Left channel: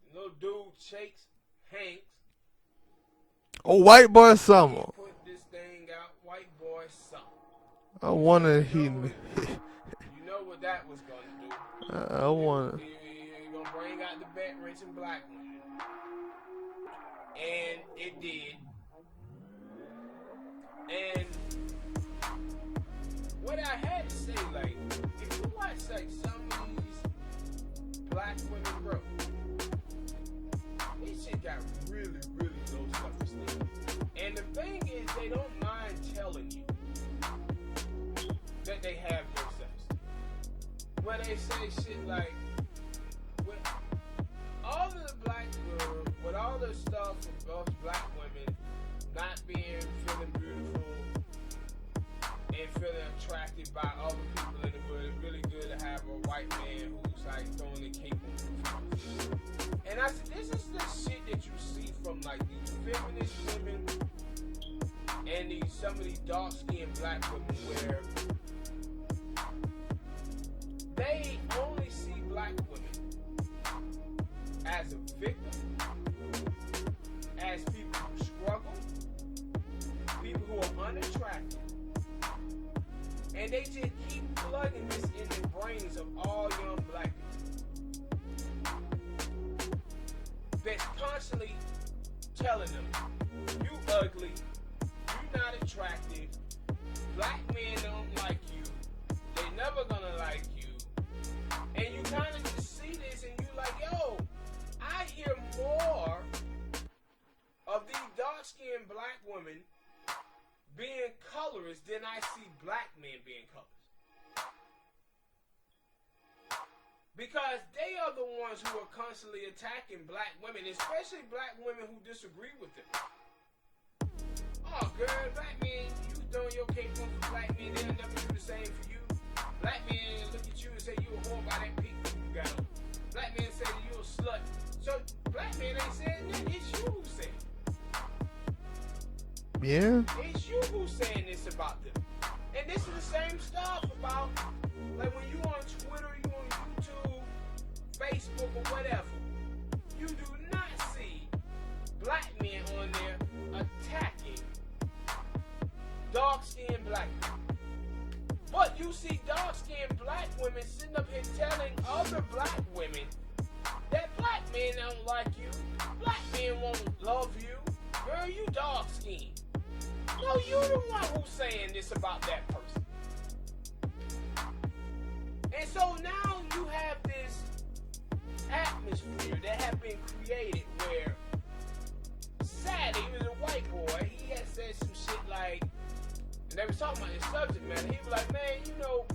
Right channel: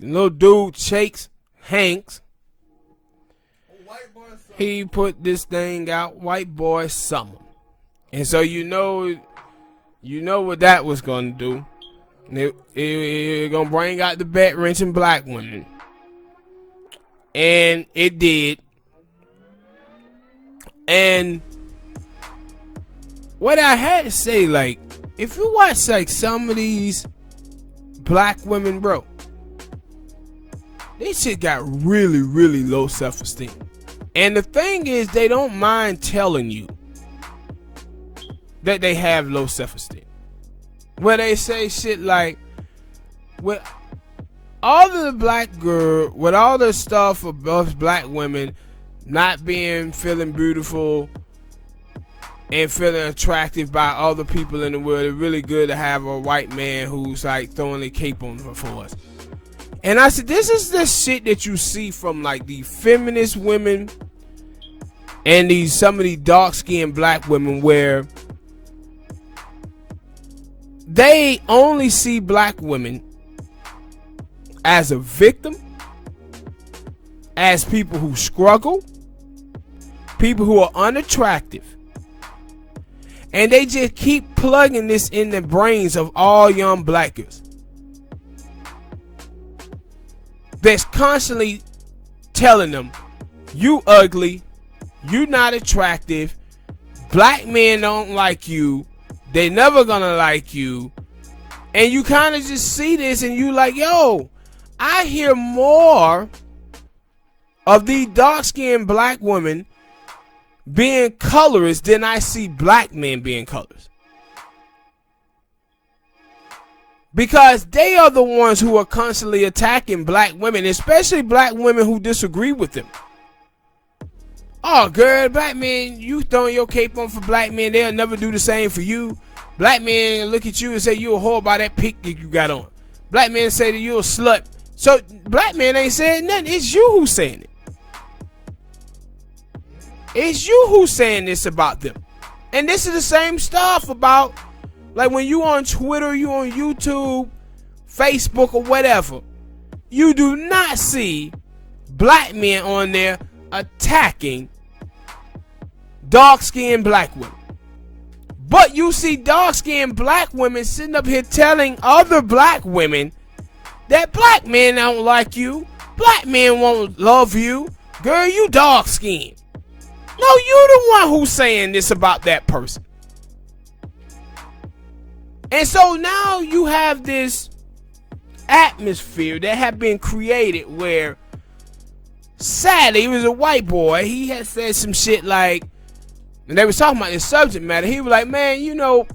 little dude, Chet Hanks. Oh, White Boy Summer. He put this thing out, White Boy Summer. And so wonder you know what that was gonna do. It gonna bring out the bet wrenching black women. And it did. And what I had to say, like, if you watch like some of these black women, bro, they shit got really, really low self-esteem. And the thing is, they don't mind telling you that they have low self-esteem. Where they say shit like, with all of the black girl, with all the stuff of us black women not feeling beautiful and feeling attractive by other people in the world, it's really good to have a white man who's like throwing a cape on for us. And I said, this is the shit that you see from like the feminist women and some of these dark-skinned black women, where they only see black women as a victim, as people who struggle, people who are unattractive. And they just keep plugging this in the brains of all young black girls. That's constantly telling them, you ugly, you not attractive, black men don't like you, they never gonna like you. And you kind of just see this and you like, yo, I hear more of these dark-skinned black women being colorist than I see black men being colorist. Because they are the ones who are constantly attacking black women, especially black women who disagree with them. Oh, girl, black men, you throwing your cape on for black men, they'll never do the same for you. Black men look at you and say you a whore by that pic that you got on. Black men say that you a slut. So black men ain't saying nothing. It's you who's saying it. Yeah. It's you who's saying this about them. And this is the same stuff about, like, when you on Twitter, you on YouTube, Facebook, or whatever, you do not see black men on there attacking dark-skinned black women. But you see dark-skinned black women sitting up here telling other black women that black men don't like you, black men won't love you, girl, you dark-skinned. No, you the one who's saying this about that person. And so now you have this atmosphere that have been created where, sadly, he was a white boy. He had said some shit like, and they was talking about this subject matter. He was like, man, you know,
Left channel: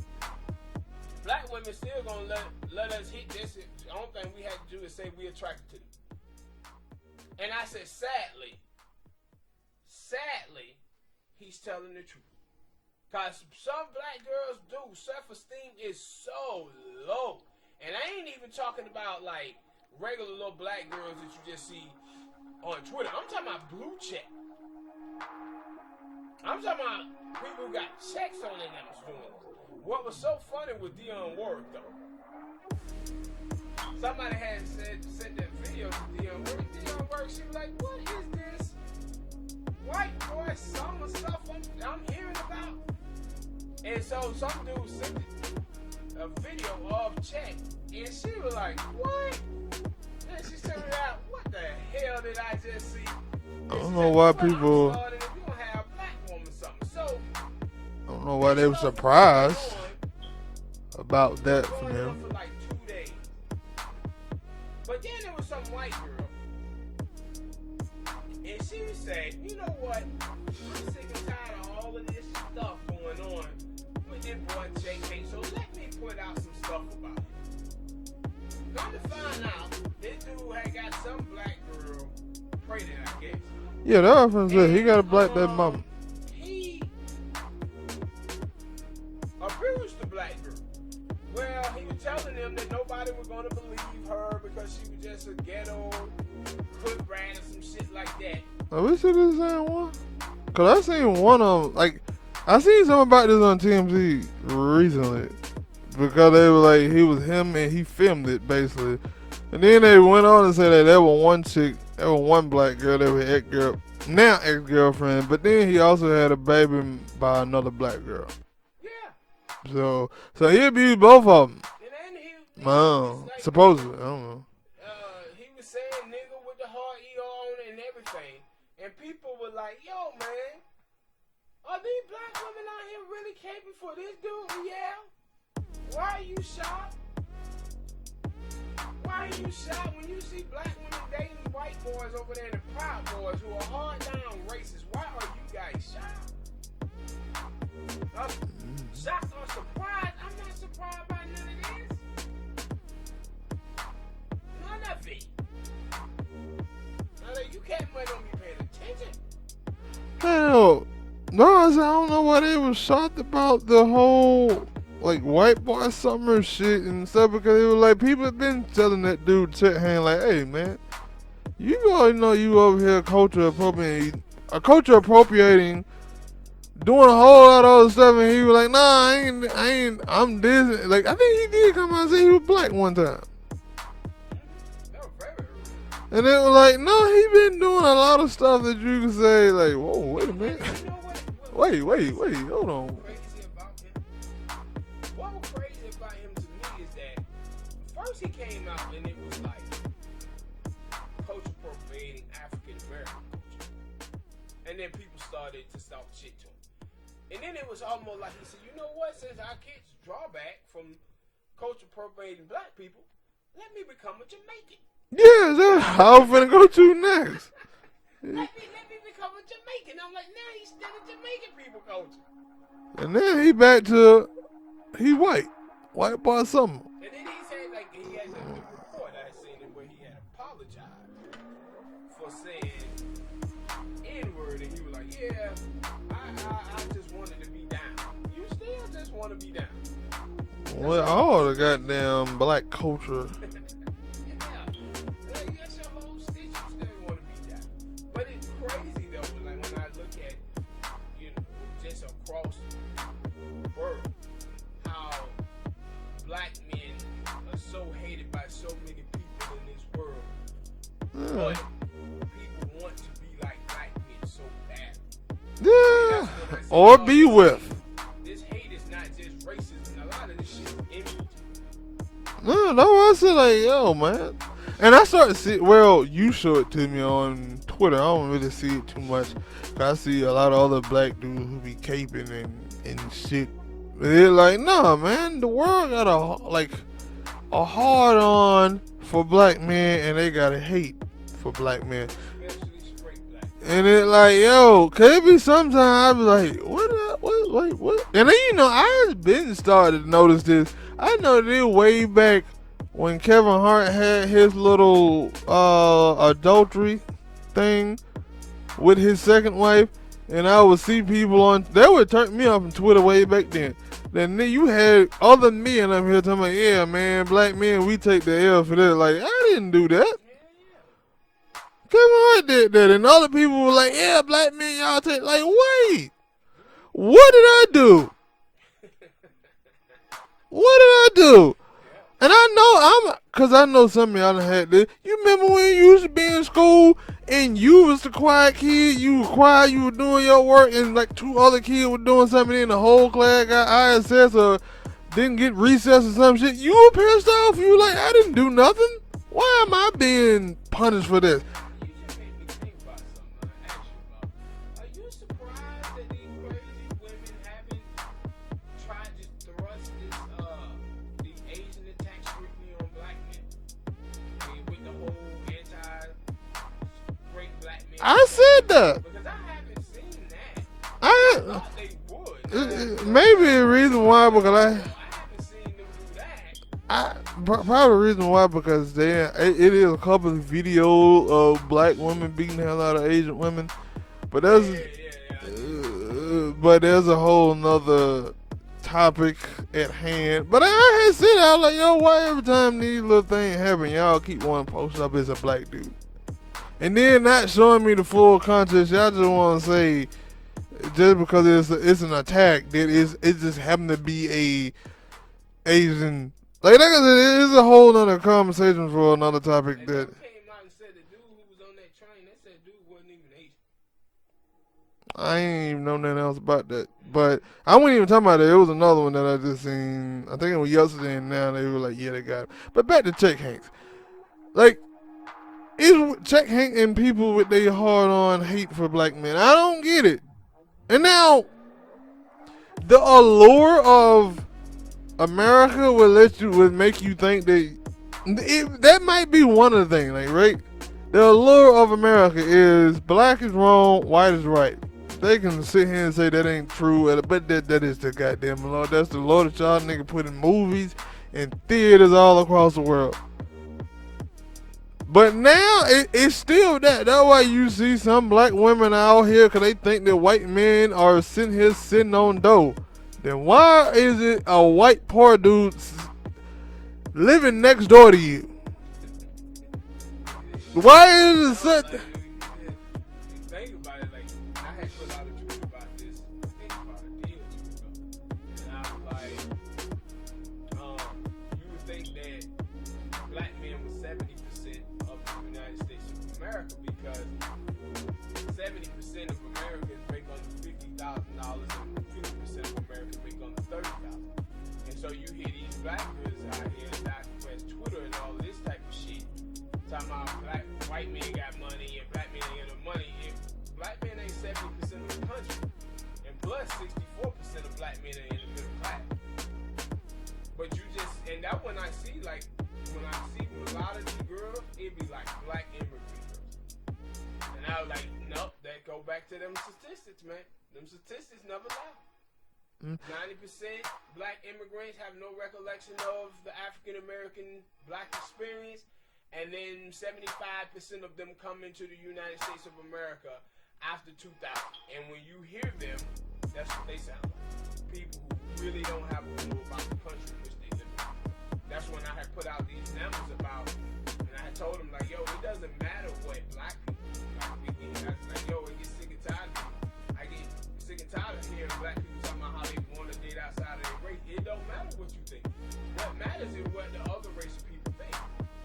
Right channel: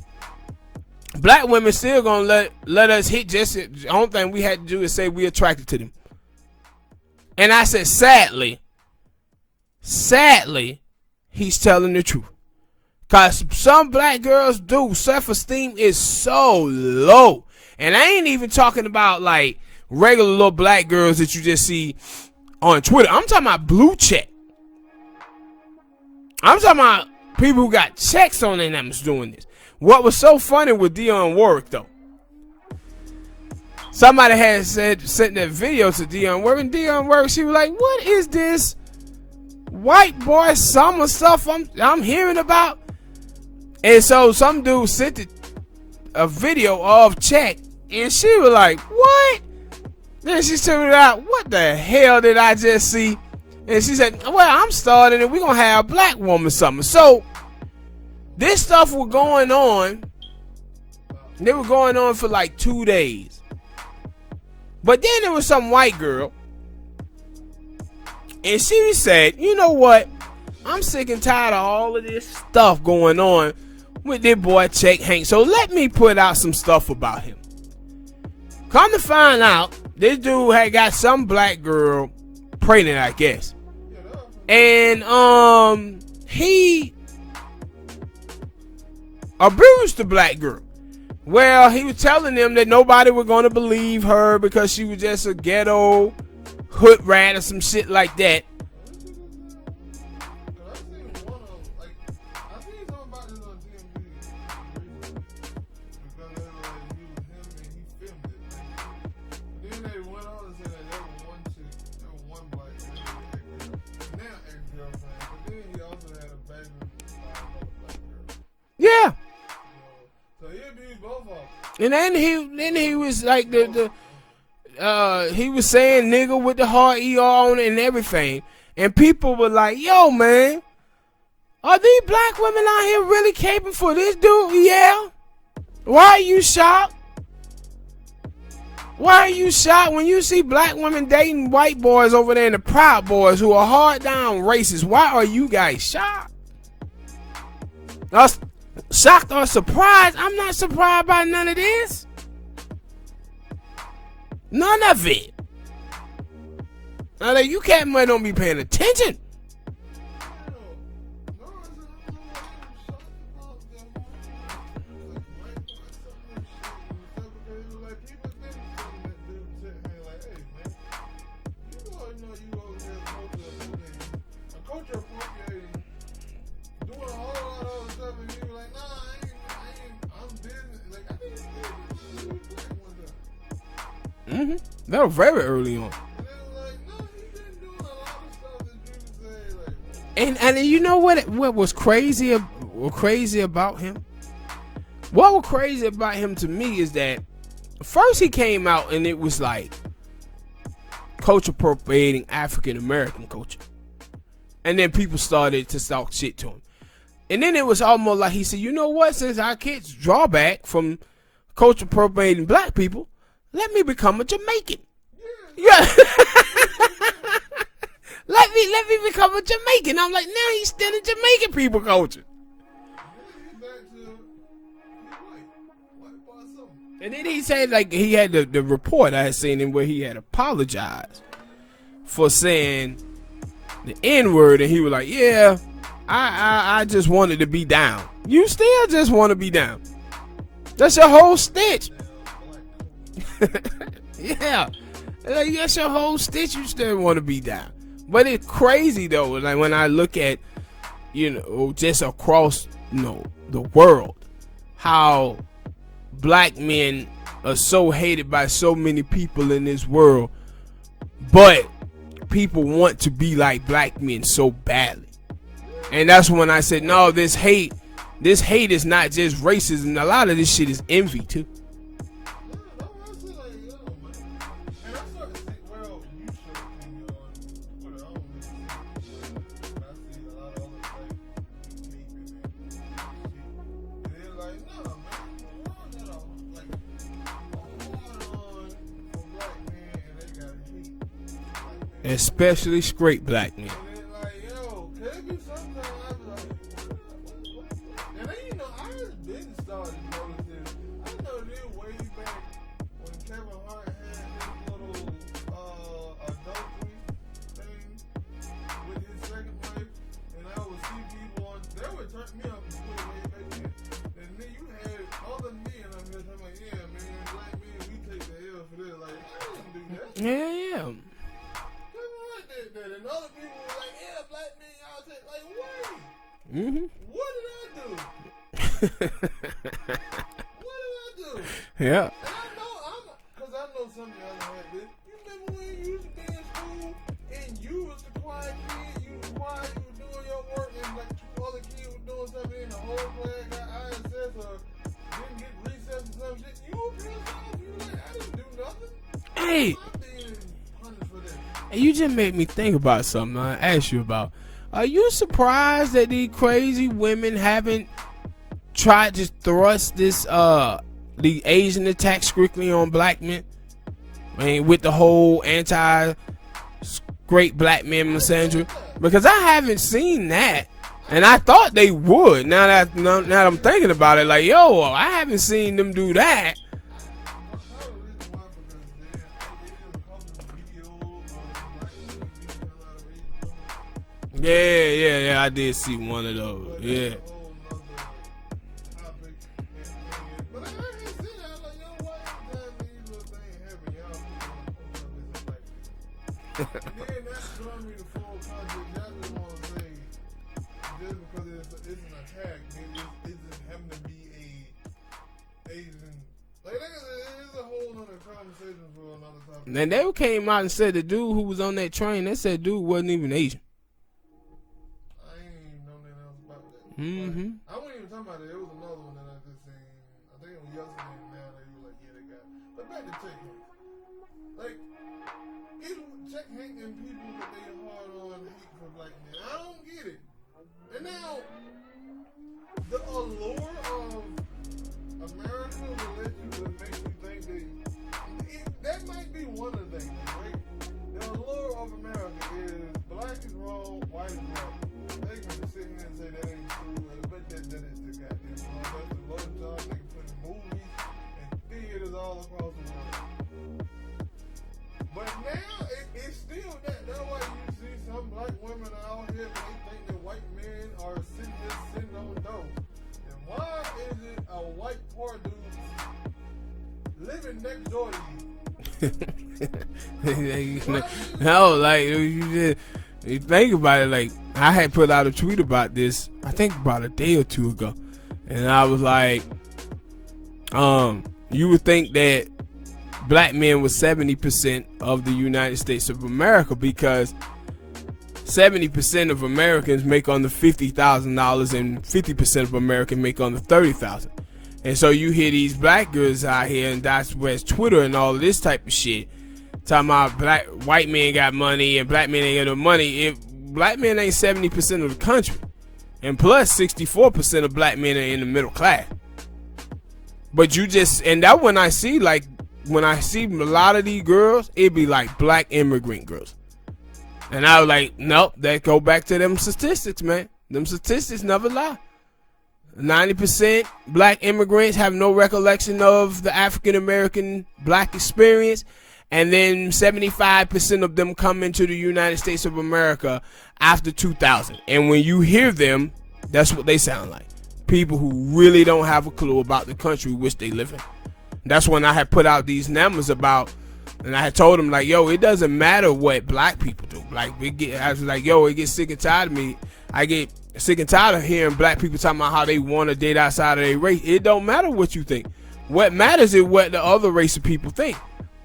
black women still gonna let us hit just the only thing we had to do is say we attracted to them. And I said, sadly, he's telling the truth. Because some black girls do. Self-esteem is so low. And I ain't even talking about like regular little black girls that you just see on Twitter. I'm talking about blue check. I'm talking about people who got checks on their names doing this. What was so funny with Dionne Warwick, though, somebody had sent that video to Dionne Warwick, and Dionne Warwick, she was like, what is this white boy summer stuff I'm hearing about? And so some dude sent a video of Chet, and she was like, what? Then she told out, what the hell did I just see? And she said, well, I'm starting it. We're going to have a black woman summer. So this stuff was going on. They were going on for like 2 days. But then there was some white girl, and she said, you know what? I'm sick and tired of all of this stuff going on with this boy Chet Hanks. So let me put out some stuff about him. Come to find out, this dude had got some black girl pregnant, I guess. Yeah, that was. And he abused the black girl. Well, he was telling them that nobody was going to believe her because she was just a ghetto hood rat or some shit like that. Are we still the same one? Cause I seen one of them, like, I seen something about this on TMZ recently, because they were like, he was him and he filmed it basically, And then they went on to say that there was one chick, there was one black girl that was ex-girlfriend, but then he also had a baby by another black girl. Yeah. So he abused both of them. And then he was like, supposedly, I don't know. He was saying nigga with the hard ER on it and everything. And people were like, yo, man, are these black women out here really capable for this dude? Yeah. Why are you shocked? Why are you shocked when you see black women dating white boys over there in the Proud Boys who are hard down racist? Why are you guys shocked? Shocked or surprised? I'm not surprised by none of this. None of it. Now that you can't don't be paying attention. Hell, no, I don't know why they were shocked about the whole like white boy summer shit and stuff, because it was like people have been telling that dude Chet Hanks like, hey man, you already know you over here culture appropriating, doing a whole lot of other stuff, and he was like, nah, I ain't, I'm this. Like I think he did come out and say he was black one time. Mm-hmm. That was very early on. And it was like, no, he been doing a lot of stuff that you can say like, whoa. And you know what was crazy? What crazy about him? What was crazy about him to me is that first he came out and it was like culture appropriating African American culture, and then people started to talk shit to him, and then it was almost like he said, you know what? Since our kids draw back from culture appropriating black people, let me become a Jamaican. Yeah, exactly. I was gonna go to next. Let me become a Jamaican. I'm like, now he's still in Jamaican people culture. And then he back to he white boy something. And then he said like he had the report I had seen him where he had apologized for saying the N-word, and he was like, yeah, I just wanted to be down. You still just want to be down. That's your whole stitch. Goddamn black culture. Yeah. Like, that's your whole stitch. You still want to be down. But it's crazy though. Like when I look at, just across, the world, how black men are so hated by so many people in this world, but people want to be like black men so badly. Yeah. And that's when I said, no, this hate is not just racism. A lot of this shit is envy too. No, I said like, yo, man. And I started to see, well, you show it to me on Twitter. I don't really see it too much. I see a lot of other black dudes who be caping and shit. They're like, nah, man, the world got a hard on for black men, and they got a hate for black men, especially straight black men. And it like, yo, could it be sometimes I be like, what? And then I've been started to notice this. I know this way back when Kevin Hart had his little adultery thing with his second wife, and I would see people that would turn me off on Twitter way back then. Then you had other men up here talking about, yeah, man, black men, we take the L for that. Like, I didn't do that. Yeah. Kevin Hart did that, and other people were like, yeah, black men, y'all take. Like, wait, what did I do? What did I do? Yeah. And because I know some of y'all done had this. You remember when you used to be in school and you was the quiet kid, you were quiet, you were doing your work, and like two other kids were doing something, and the whole class got ISS or didn't get recess or some shit. You were pissed off. You were like, I didn't do nothing. Why am I being punished for this? You just made me think about something I asked you about. Are you surprised that these crazy women haven't tried to thrust this the Asian attack strictly on black men? I mean, with the whole anti-great black men syndrome. Because I haven't seen that. And I thought they would. Now that I'm thinking about it, like, I haven't seen them do that. Probably the reason why, because it is a couple of videos of black women beating the hell out of Asian women. But I did see one of those. But there's a whole nother topic at hand. But I had said, I was like, yo, why every time these little things happen, y'all keep wanting to post up as a black dude? And then not showing me the full context. Y'all just want to say, just because it's an attack, that it just happened to be a Asian Like I said, it is a whole nother conversation for another topic. And they came out and said the dude who was on that train, they said dude wasn't even Asian. I ain't even know nothing else about that. Mm-hmm. But I wasn't even talking about it. It was another one that I just seen. I think it was yesterday, and now they were like, yeah, they got it. But back to Chet Hanks. Like, is Chet Hanks and people with their hard-on hate for black men? I don't get it. And now, the allure of America would make you think that might be one of the things, like, right? The allure of America is black is wrong, white is right. They can sit here and say that ain't true, but that is the goddamn law. That's the law that y'all nigga put in movies and theaters all across the world. But now it's still that. That's why you see some black women out here because they think that white men are sitting on dough. Then why is it a white poor dude living next door to you? Why is it? You think about it, like, I had put out a tweet about this, I think about a day or two ago. And I was like, you would think that black men were 70% of the United States of America because 70% of Americans make under $50,000 and 50% of Americans make under $30,000. And so you hear these black girls out here, and that's where it's Twitter and all of this type of shit, talking about white men got money and black men ain't got no money. If black men ain't 70% of the country, and plus 64% of black men are in the middle class. But and that when I see a lot of these girls, it be like black immigrant girls. And I was like, nope, that go back to them statistics, man. Them statistics never lie. 90% black immigrants have no recollection of the African American black experience. And then 75% of them come into the United States of America after 2000. And when you hear them, that's what they sound like. People who really don't have a clue about the country which they live in. That's when I had put out these numbers about, and I had told them, like, yo, it doesn't matter what black people do. Like, I was like, yo, it gets sick and tired of me. I get sick and tired of hearing black people talking about how they want to date outside of their race. It don't matter what you think. What matters is what the other race of people think.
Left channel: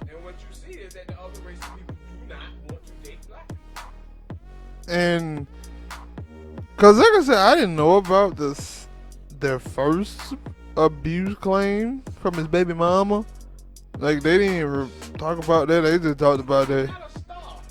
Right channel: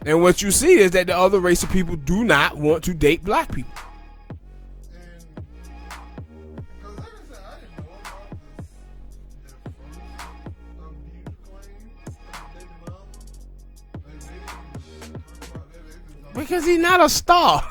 And what you see is that the other race of people do not want to date black people. And because, like I said, I didn't know about their first abuse claim from his baby mama. Like, they didn't even talk about that. They just talked about that. Because he's not a star.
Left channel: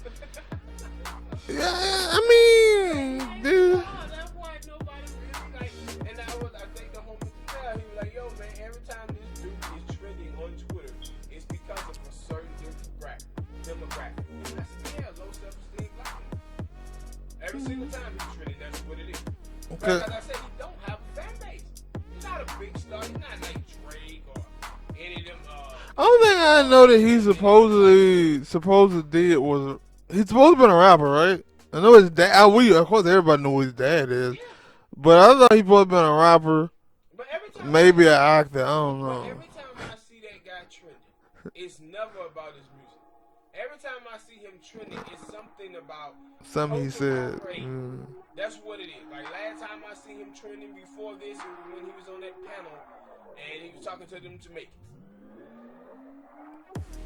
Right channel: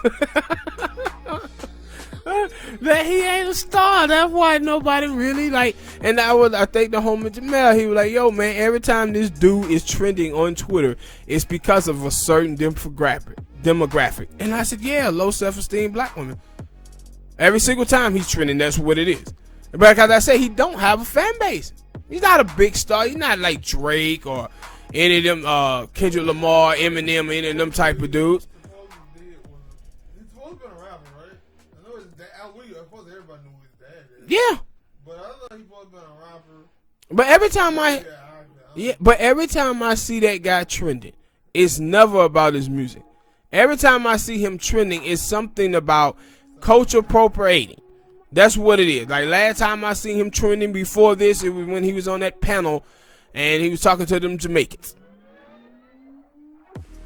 I mean, that he ain't a star. That's why nobody really like. And I think the homie Jamel, he was like, yo, man, every time this dude is trending on Twitter, it's because of a certain demographic. And I said, yeah, low self-esteem black women. Every single time he's trending, that's what it is. But because I said, he don't have a fan base. He's not a big star. He's not like Drake or any of them Kendrick Lamar, Eminem, any of them type of dudes. He's supposed to have been a rapper, right? I know his dad. Of course, everybody knows who his dad is. Yeah. But I thought he supposed to have been a rapper. But every time maybe an actor. I don't know. But every time I see that guy trending, it's never about his music. Every time I see him trending, it's something about culture appropriating. That's what it is. Like, last time I seen him trending before this, it was when he was on that panel and he was talking to them Jamaicans.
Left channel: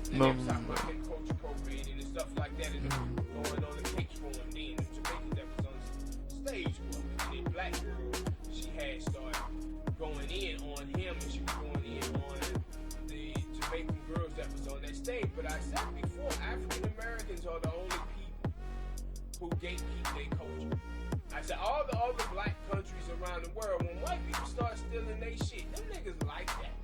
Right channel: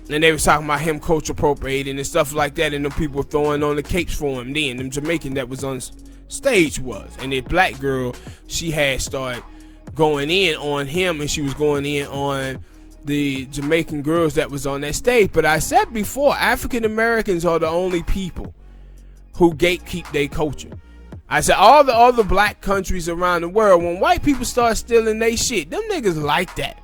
And they was talking about him culture appropriating and stuff like that, and them people throwing on the capes for him then. Them Jamaican that was on stage was. And that black girl, she had started going in on him, and she was going in on the Jamaican girls that was on that stage. But I said before, African Americans are the only people who gatekeep their culture. I said all the other black countries around the world, when white people start stealing their shit, them niggas like that.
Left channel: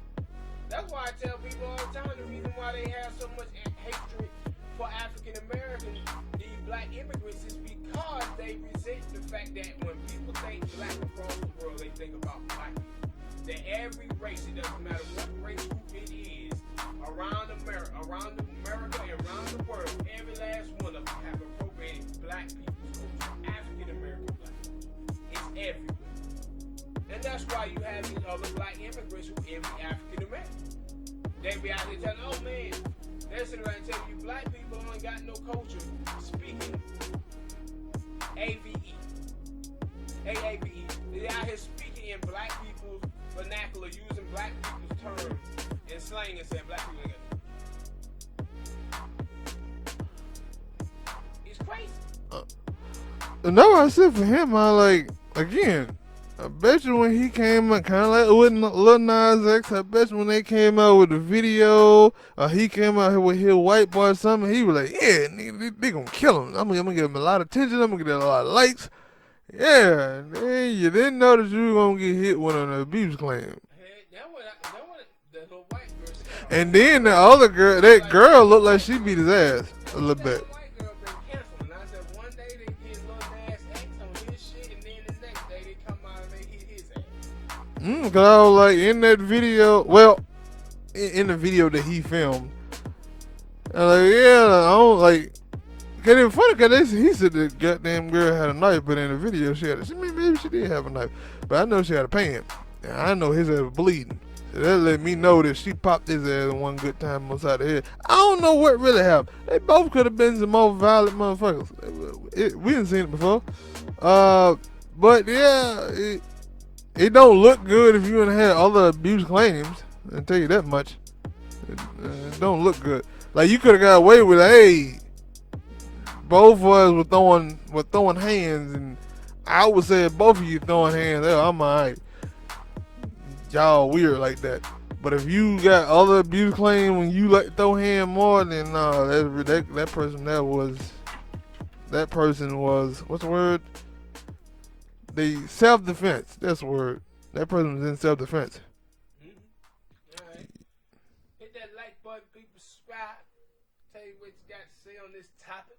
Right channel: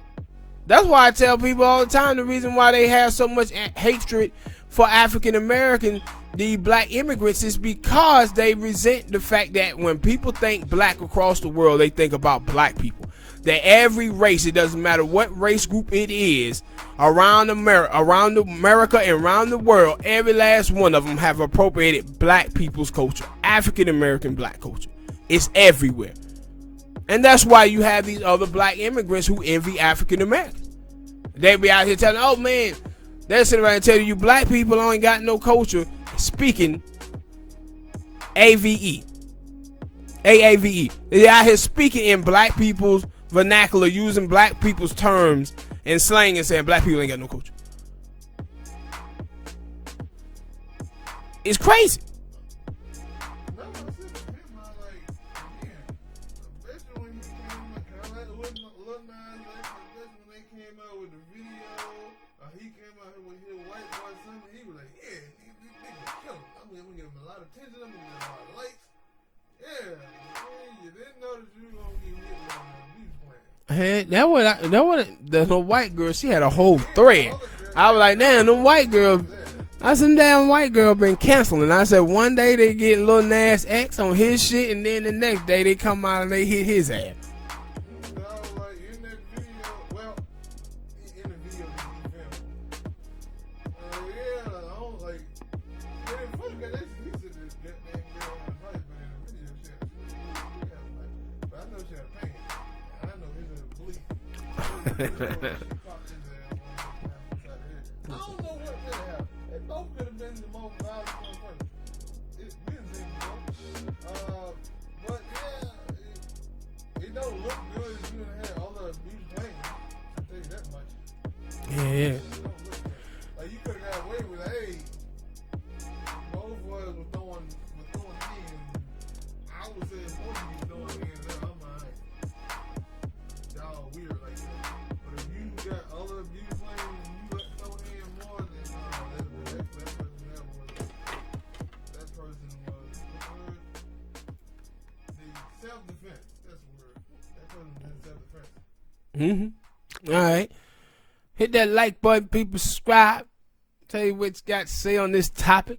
That's why I tell people all the time, the reason why they have so much hatred for African American, the black immigrants, is because they resent the fact that when people think black across the world, they think about black people. That every race, it doesn't matter what race group it is, around America and around the world, every last one of them have appropriated black people's culture, African American black culture. It's everywhere. And that's why you have these other black immigrants who envy African Americans. They be out here telling, oh man, they're sitting around and telling you black people ain't got no culture, speaking AAVE. They're out here speaking in black people's vernacular, using black people's terms and slang and saying black people ain't got no culture. It's crazy. No, I said for him, I like, again, I bet you when he came out, kind of like with Lil Nas X, I bet you when they came out with the video, he came out here with his white boy or something, he was like, yeah, nigga, they gonna kill him. I'm gonna give him a lot of attention, I'm gonna get a lot of likes. Yeah, man, you didn't know that you were gonna get hit with an abuse claim. Hey, the white girl, she had a whole and then thread. the other girl, I was that like, girl damn, the looked like white she girl. beat his ass. I said, damn white girl been canceling. I said, one day they get Lil Nas X on his shit, and then the next day they come out and they hit his ass. Cause I was like, in that video, well, in the video that he filmed, I was like, yeah, I don't like. Cause it was funny because he said the goddamn girl had a knife, but in the video maybe she did have a knife, but I know she had a pan. And I know his ass was bleeding. So that let me know that she popped his ass one good time upside the head. I don't know what really happened. They both could have been some more violent motherfuckers. We didn't seen it before. But yeah, it don't look good if you done had other abuse claims. I'll tell you that much. Yeah. It don't look good. Like you could have got away with, hey, both of us were throwing hands, and I would say both of you throwing hands, I'm alright. Y'all weird like that. But if you got other abuse claims when you like throw hand more, then no, that person was what's the word? The self-defense. That's the word. That person was in self-defense. All right. Hit that like button, people. Subscribe. Tell you what you got to say on this topic.